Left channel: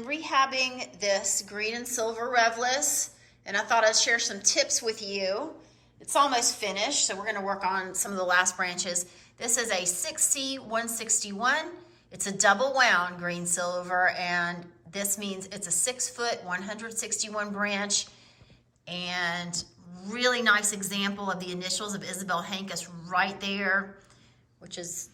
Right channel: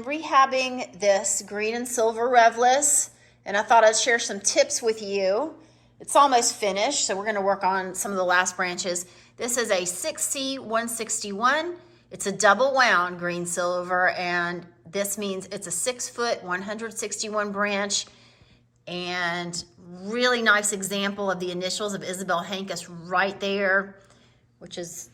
been rehabbing this green and silver Revlis, and I thought I'd share some tips with you. It's almost finished, so we're gonna work on some of the last branches. This is a 6C161. It's a double wound green silver, and this means it's a 6 foot, 161 branch, and really nice example of the initials of Isabel Hankus right there, which is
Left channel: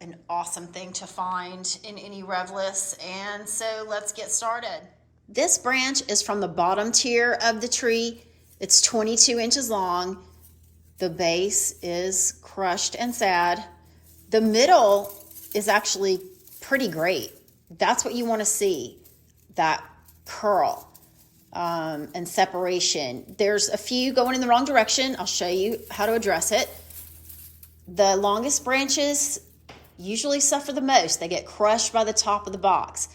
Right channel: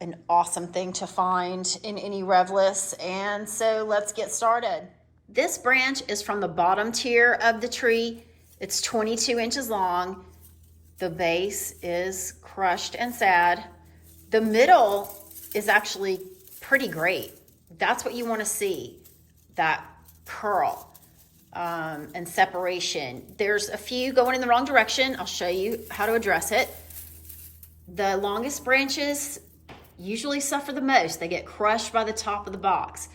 an awesome thing to find in any Revlis. And so let's get started. This branch is from the bottom tier of the tree. It's 22 inches long. The base is crushed and sad. The middle is actually pretty great. That's what you want to see, that curl and separation. There's a few going in the wrong direction. I'll show you how to address it. The longest branches usually suffer the most. They get crushed by the top of the box.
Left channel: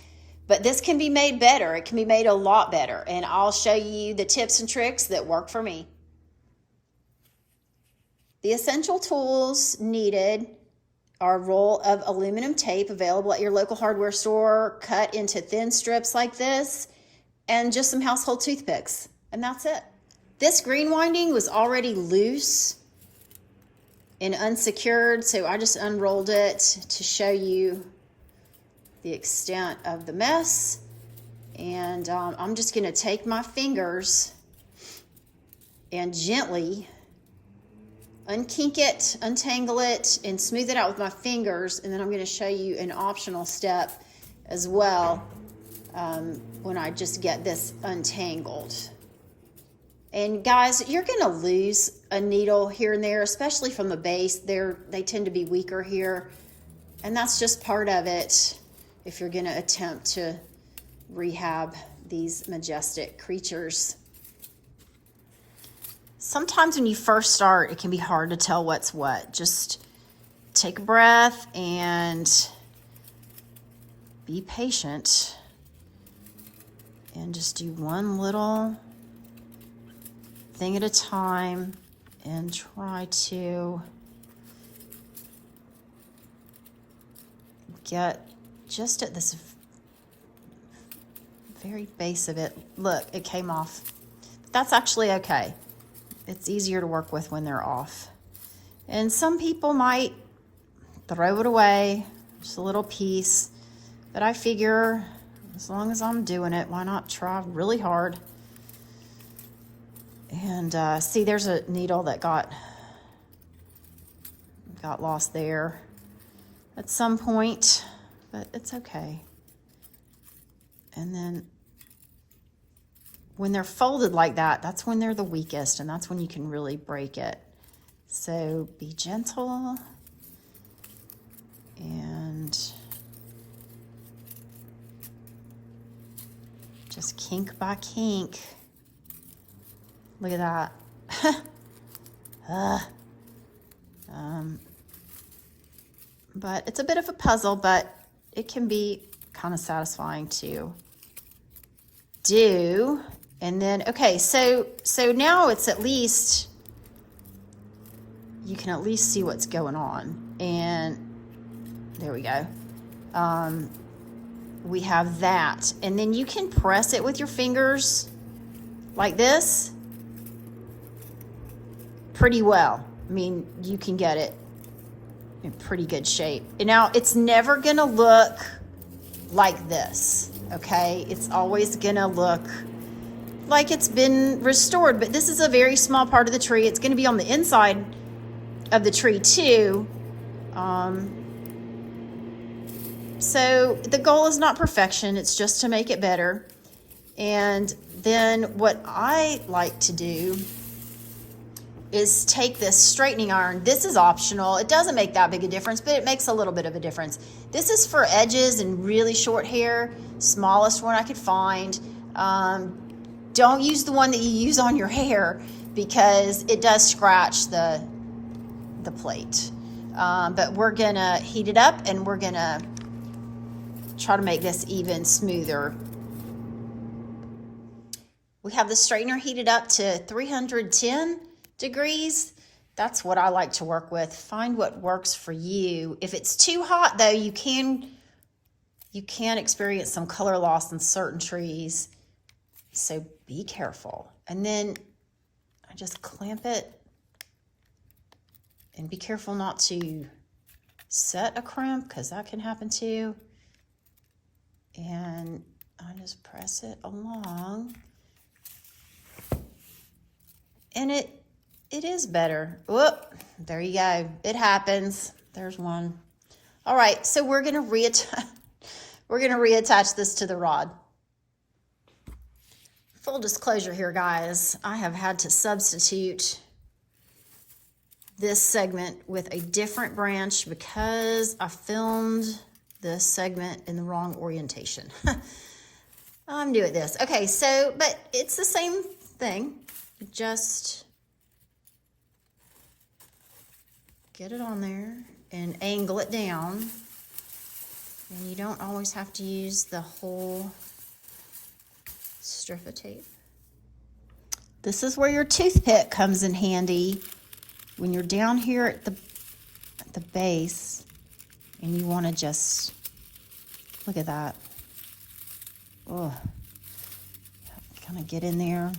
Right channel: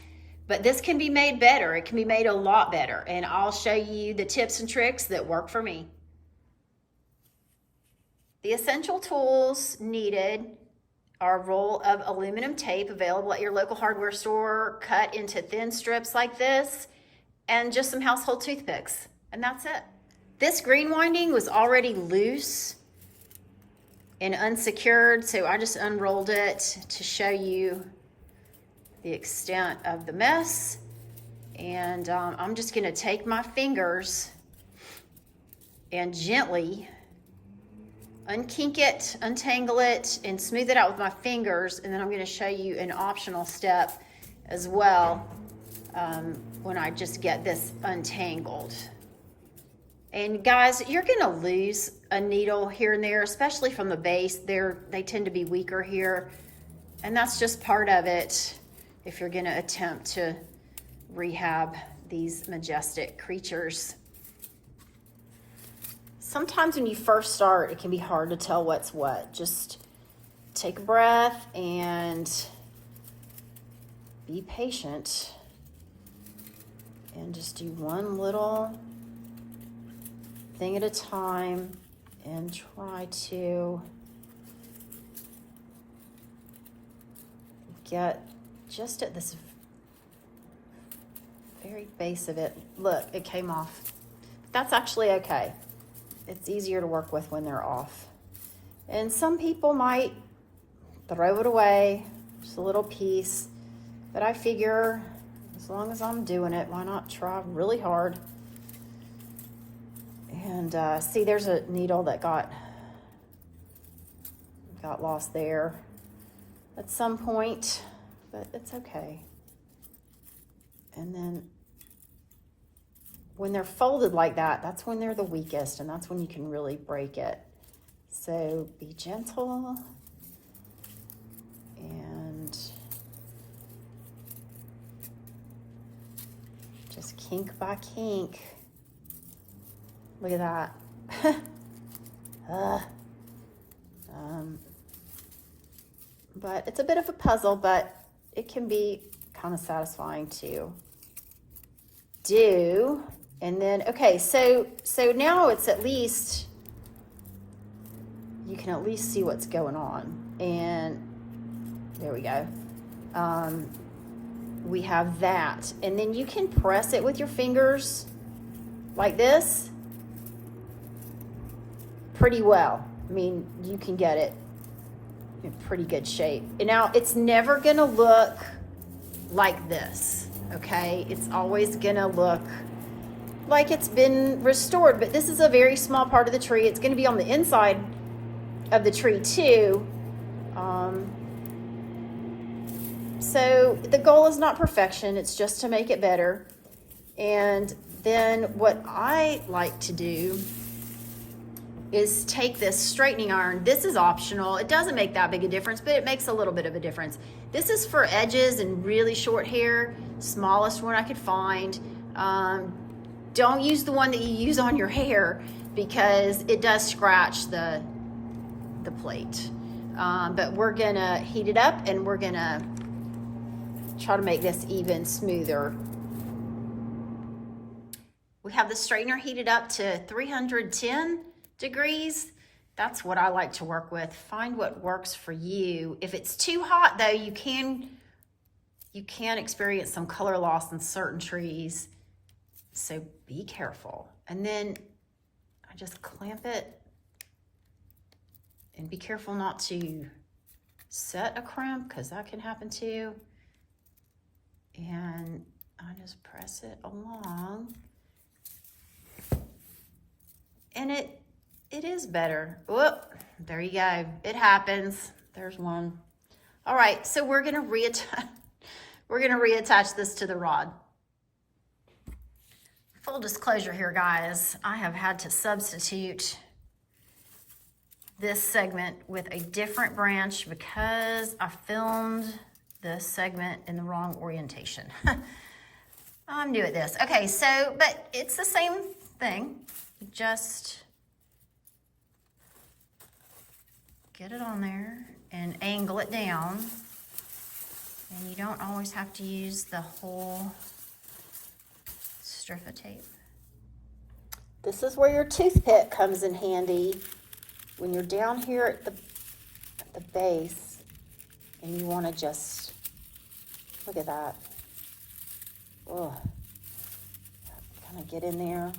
But this can be made better. It can be made a lot better. And I'll show you the tips and tricks that work for me. The essential tools needed are a roll of aluminum tape available at your local hardware store, cut into thin strips like this, and just some household toothpicks. And that's it. This green winding was already loose and unsecured, so I just unrolled it to show you the extent of the mess. And I'm just gonna take my fingers and gently unkink it, untangle it, and smooth it out with my fingers. And then I'm gonna show you an optional step as well when I just get this untangled. And guys, you're gonna lose a needle here and there, especially from the base. They tend to be weaker here. And that's just part of it if you're gonna attempt to rehab these majestic creatures. Sometimes when you first start, it can be hard to tell what's what. Just take a breath and be patient and just do one little thing at a time and try to get just at this very base of it. Look, it came off. That's actually okay. It's easier to work with when they're off. And some people might throw it away, just a little piece, but I figure as long as I'm doing it, why not try really hard? And see, there's a needle that got lost there at some point, but it's okay. And then when they're folded like that, that's when they're the weakest, and that's when you can really break it. So be gentle and just kink by kink. Look at that. But it's a bit of a puzzle, but it can be kind of satisfying to do. And then, okay, so now it's at least, you can at least see what's going on. And there we go. We have that. And then you can press it with your fingers like this pretty well. I mean, you can get it in pretty good shape. And now it's never gonna look like this, okay? It's always gonna look like it's been restored, but this is a very small part of the tree. It's gonna be on the inside of the tree too. So the goal is not perfection, it's just to make it better. And then what I like to do is take this straightening iron. This is optional. It doesn't make that big a difference, but it makes a little bit of a difference. This is for edges and really short hair, smallest one I could find. Don't use the one that you use on your hair because it does scratch the plate. But we're gonna heat it up and we're gonna try to make this even smoother. We have the straightener heated up to 310 degrees. That's what I like to work with. Find what works for you. If it's too hot though, you can you can experience some color loss in certain trees, so be careful. And then I just clamp it, and be careful not to set a crimp, because that can happen too. And I just press it along, and it is better. Whoop, there you go. It happens. There's one. All right, so we're gonna reattach this to the rod. Full disclosure here, guys, I have had to substitute this segment with a different branch because I filmed this segment in the wrong orientation. I'm new at this. Okay, so, but it's the same thing. Just get it on there and angle it down. And you don't always have to use the whole strip of tape. This is where your toothpick comes in handy when you're down here at the base and you want to just look at that. Oh, kind of get in there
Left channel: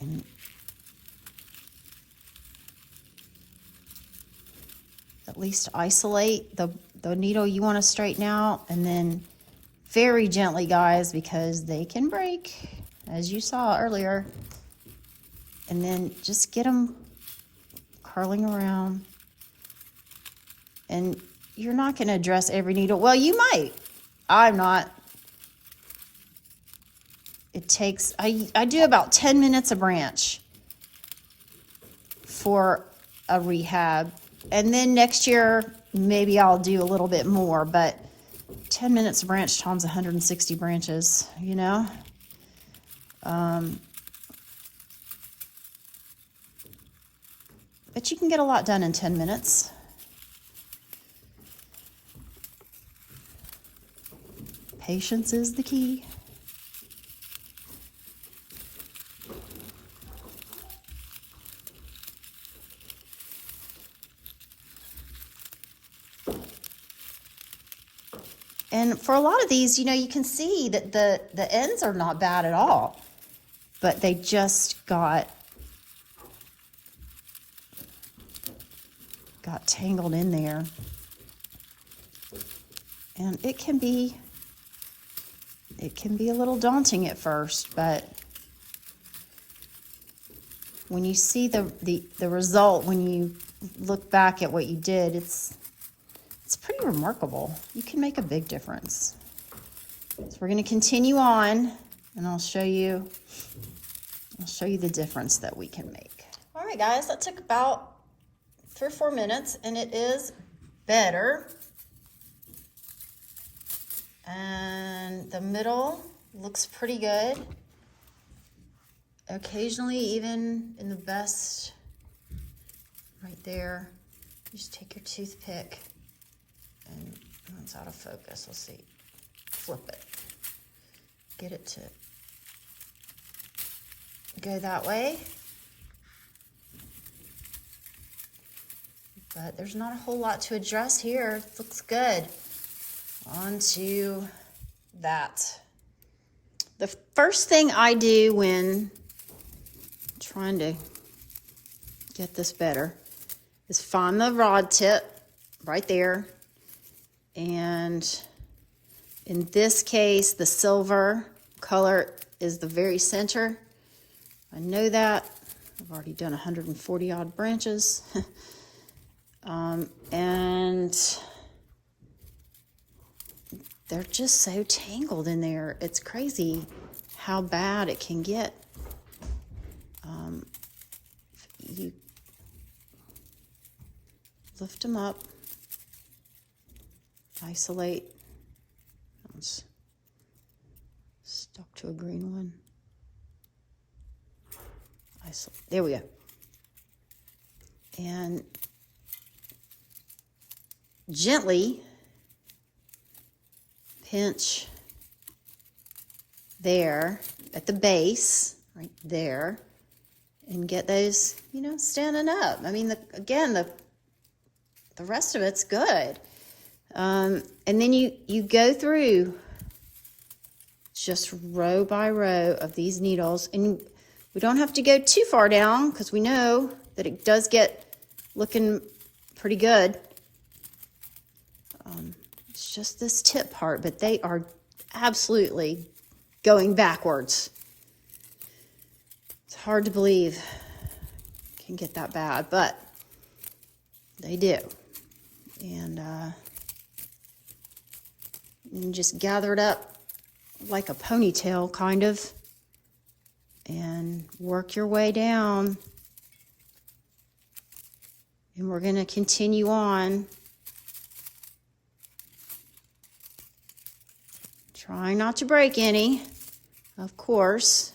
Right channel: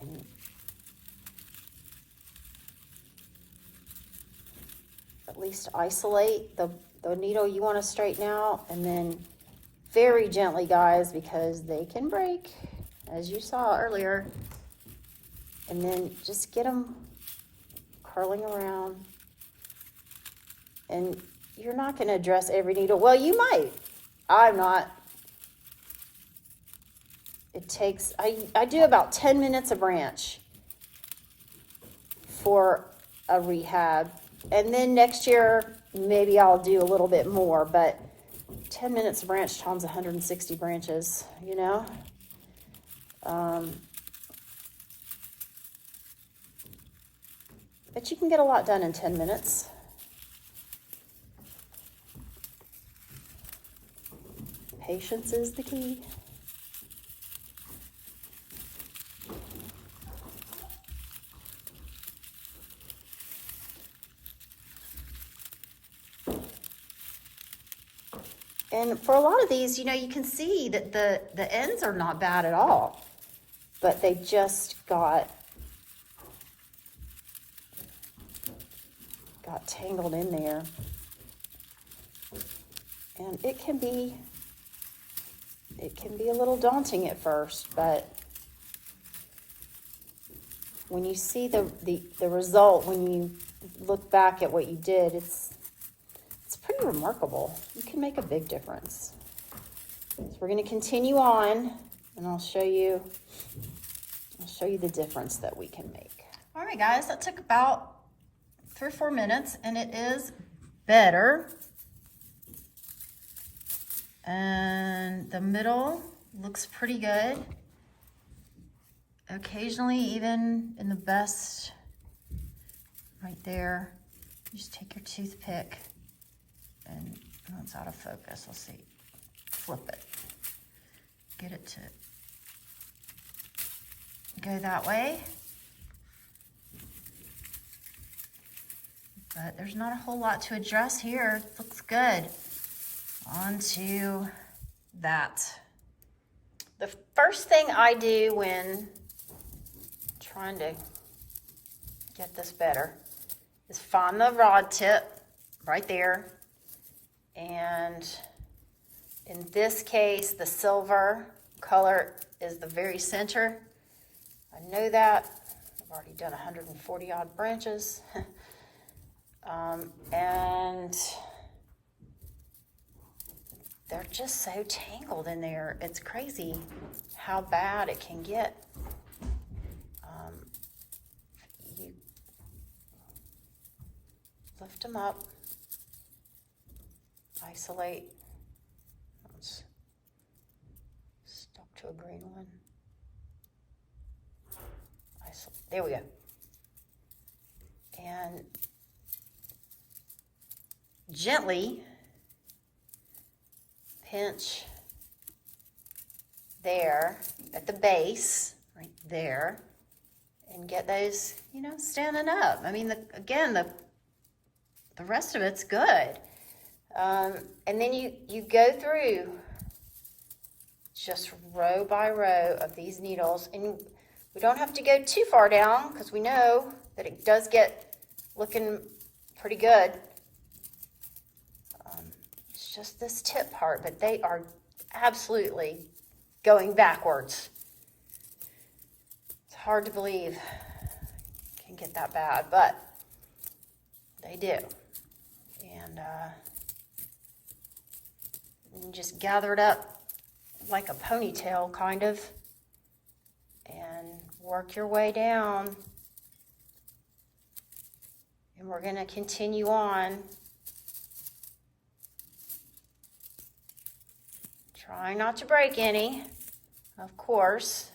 and at least isolate the needle you want to straighten out, and then very gently, guys, because they can break, as you saw earlier. And then just get them curling around. And you're not going to address every needle. Well, you might. I'm not. It takes, I do about 10 minutes a branch for a rehab. And then next year, maybe I'll do a little bit more, but 10 minutes a branch times 160 branches, you know? But you can get a lot done in 10 minutes. Patience is the key. And for a lot of these, you know, you can see that the ends are not bad at all, but they just got tangled in there. And it can be a little daunting at first, but when you see the result, when you look back at what you did, it's pretty remarkable. You can make a big difference. So we're going to continue on, and I'll show you the difference that we can make. All right, guys, that took about 3 or 4 minutes, and it is better. And the middle looks pretty good. Occasionally, even in the best, right there, you just take your toothpick, and it's out of focus. Let's see. Flip it. Get it to go that way. But there's not a whole lot to address here. It looks good. On to that. The first thing I do when trying to get this better is find the rod tip right there. And in this case, the silver color is the very center. I know that. I've already done 140 odd branches. And they're just so tangled in there. It's crazy how bad it can get. You lift them up, isolate. It's stuck to a green one. Isolate. There we go. And gently pinch there at the base, right there, and get those, you know, standing up. I mean, again, the rest of it's good. And then you go through just row by row of these needles, and we don't have to go too far down because we know that it does get looking pretty good. It's just this tip part, but they are absolutely going backwards. It's hard to believe it can get that bad, but they do. And just gather it up like a ponytail, kind of, and work your way down. And we're going to continue on. Trying not to break any, of course.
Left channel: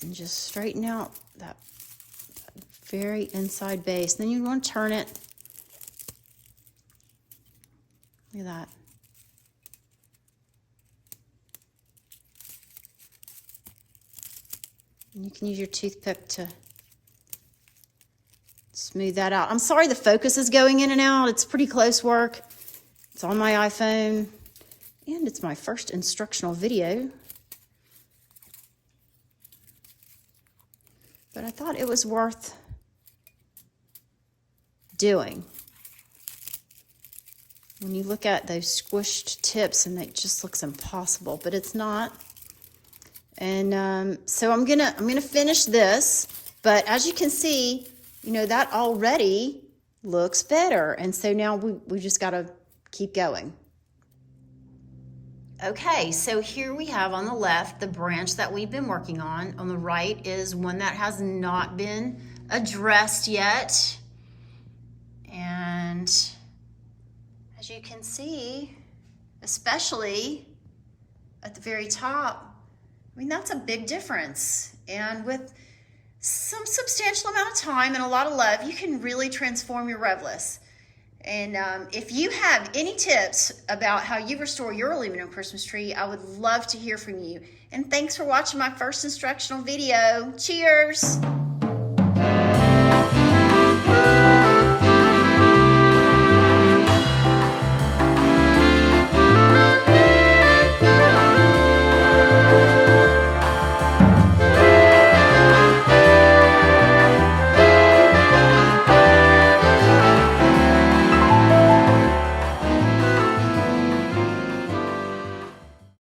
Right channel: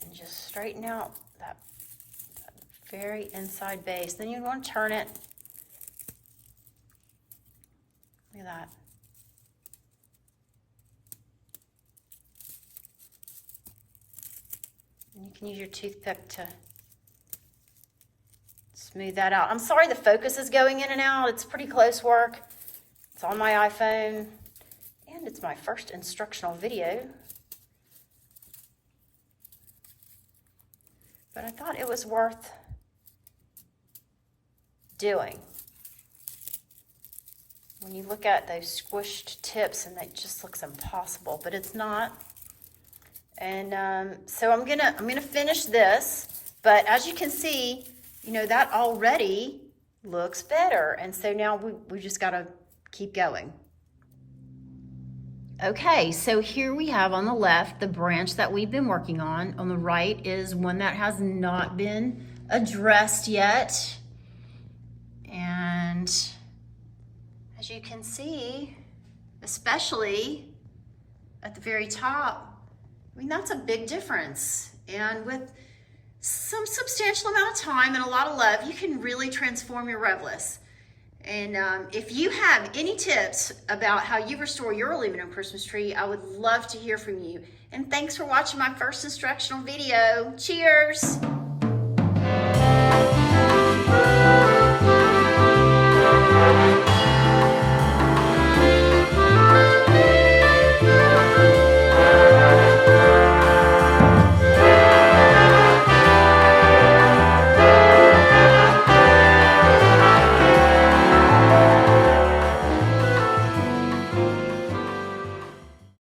And just straighten out that very inside base. Then you want to turn it. Look at that. And you can use your toothpick to smooth that out. I'm sorry the focus is going in and out. It's pretty close work. It's on my iPhone, and it's my first instructional video. But I thought it was worth doing. When you look at those squished tips, and it just looks impossible, but it's not. And so I'm gonna finish this, but as you can see, you know, that already looks better. And so now we just gotta keep going. Okay, so here we have on the left the branch that we've been working on. On the right is one that has not been addressed yet. And as you can see, especially at the very top, I mean, that's a big difference. And with some substantial amount of time and a lot of love, you can really transform your Revlis. And if you have any tips about how you restore your aluminum Christmas tree, I would love to hear from you. And thanks for watching my first instructional video. Cheers!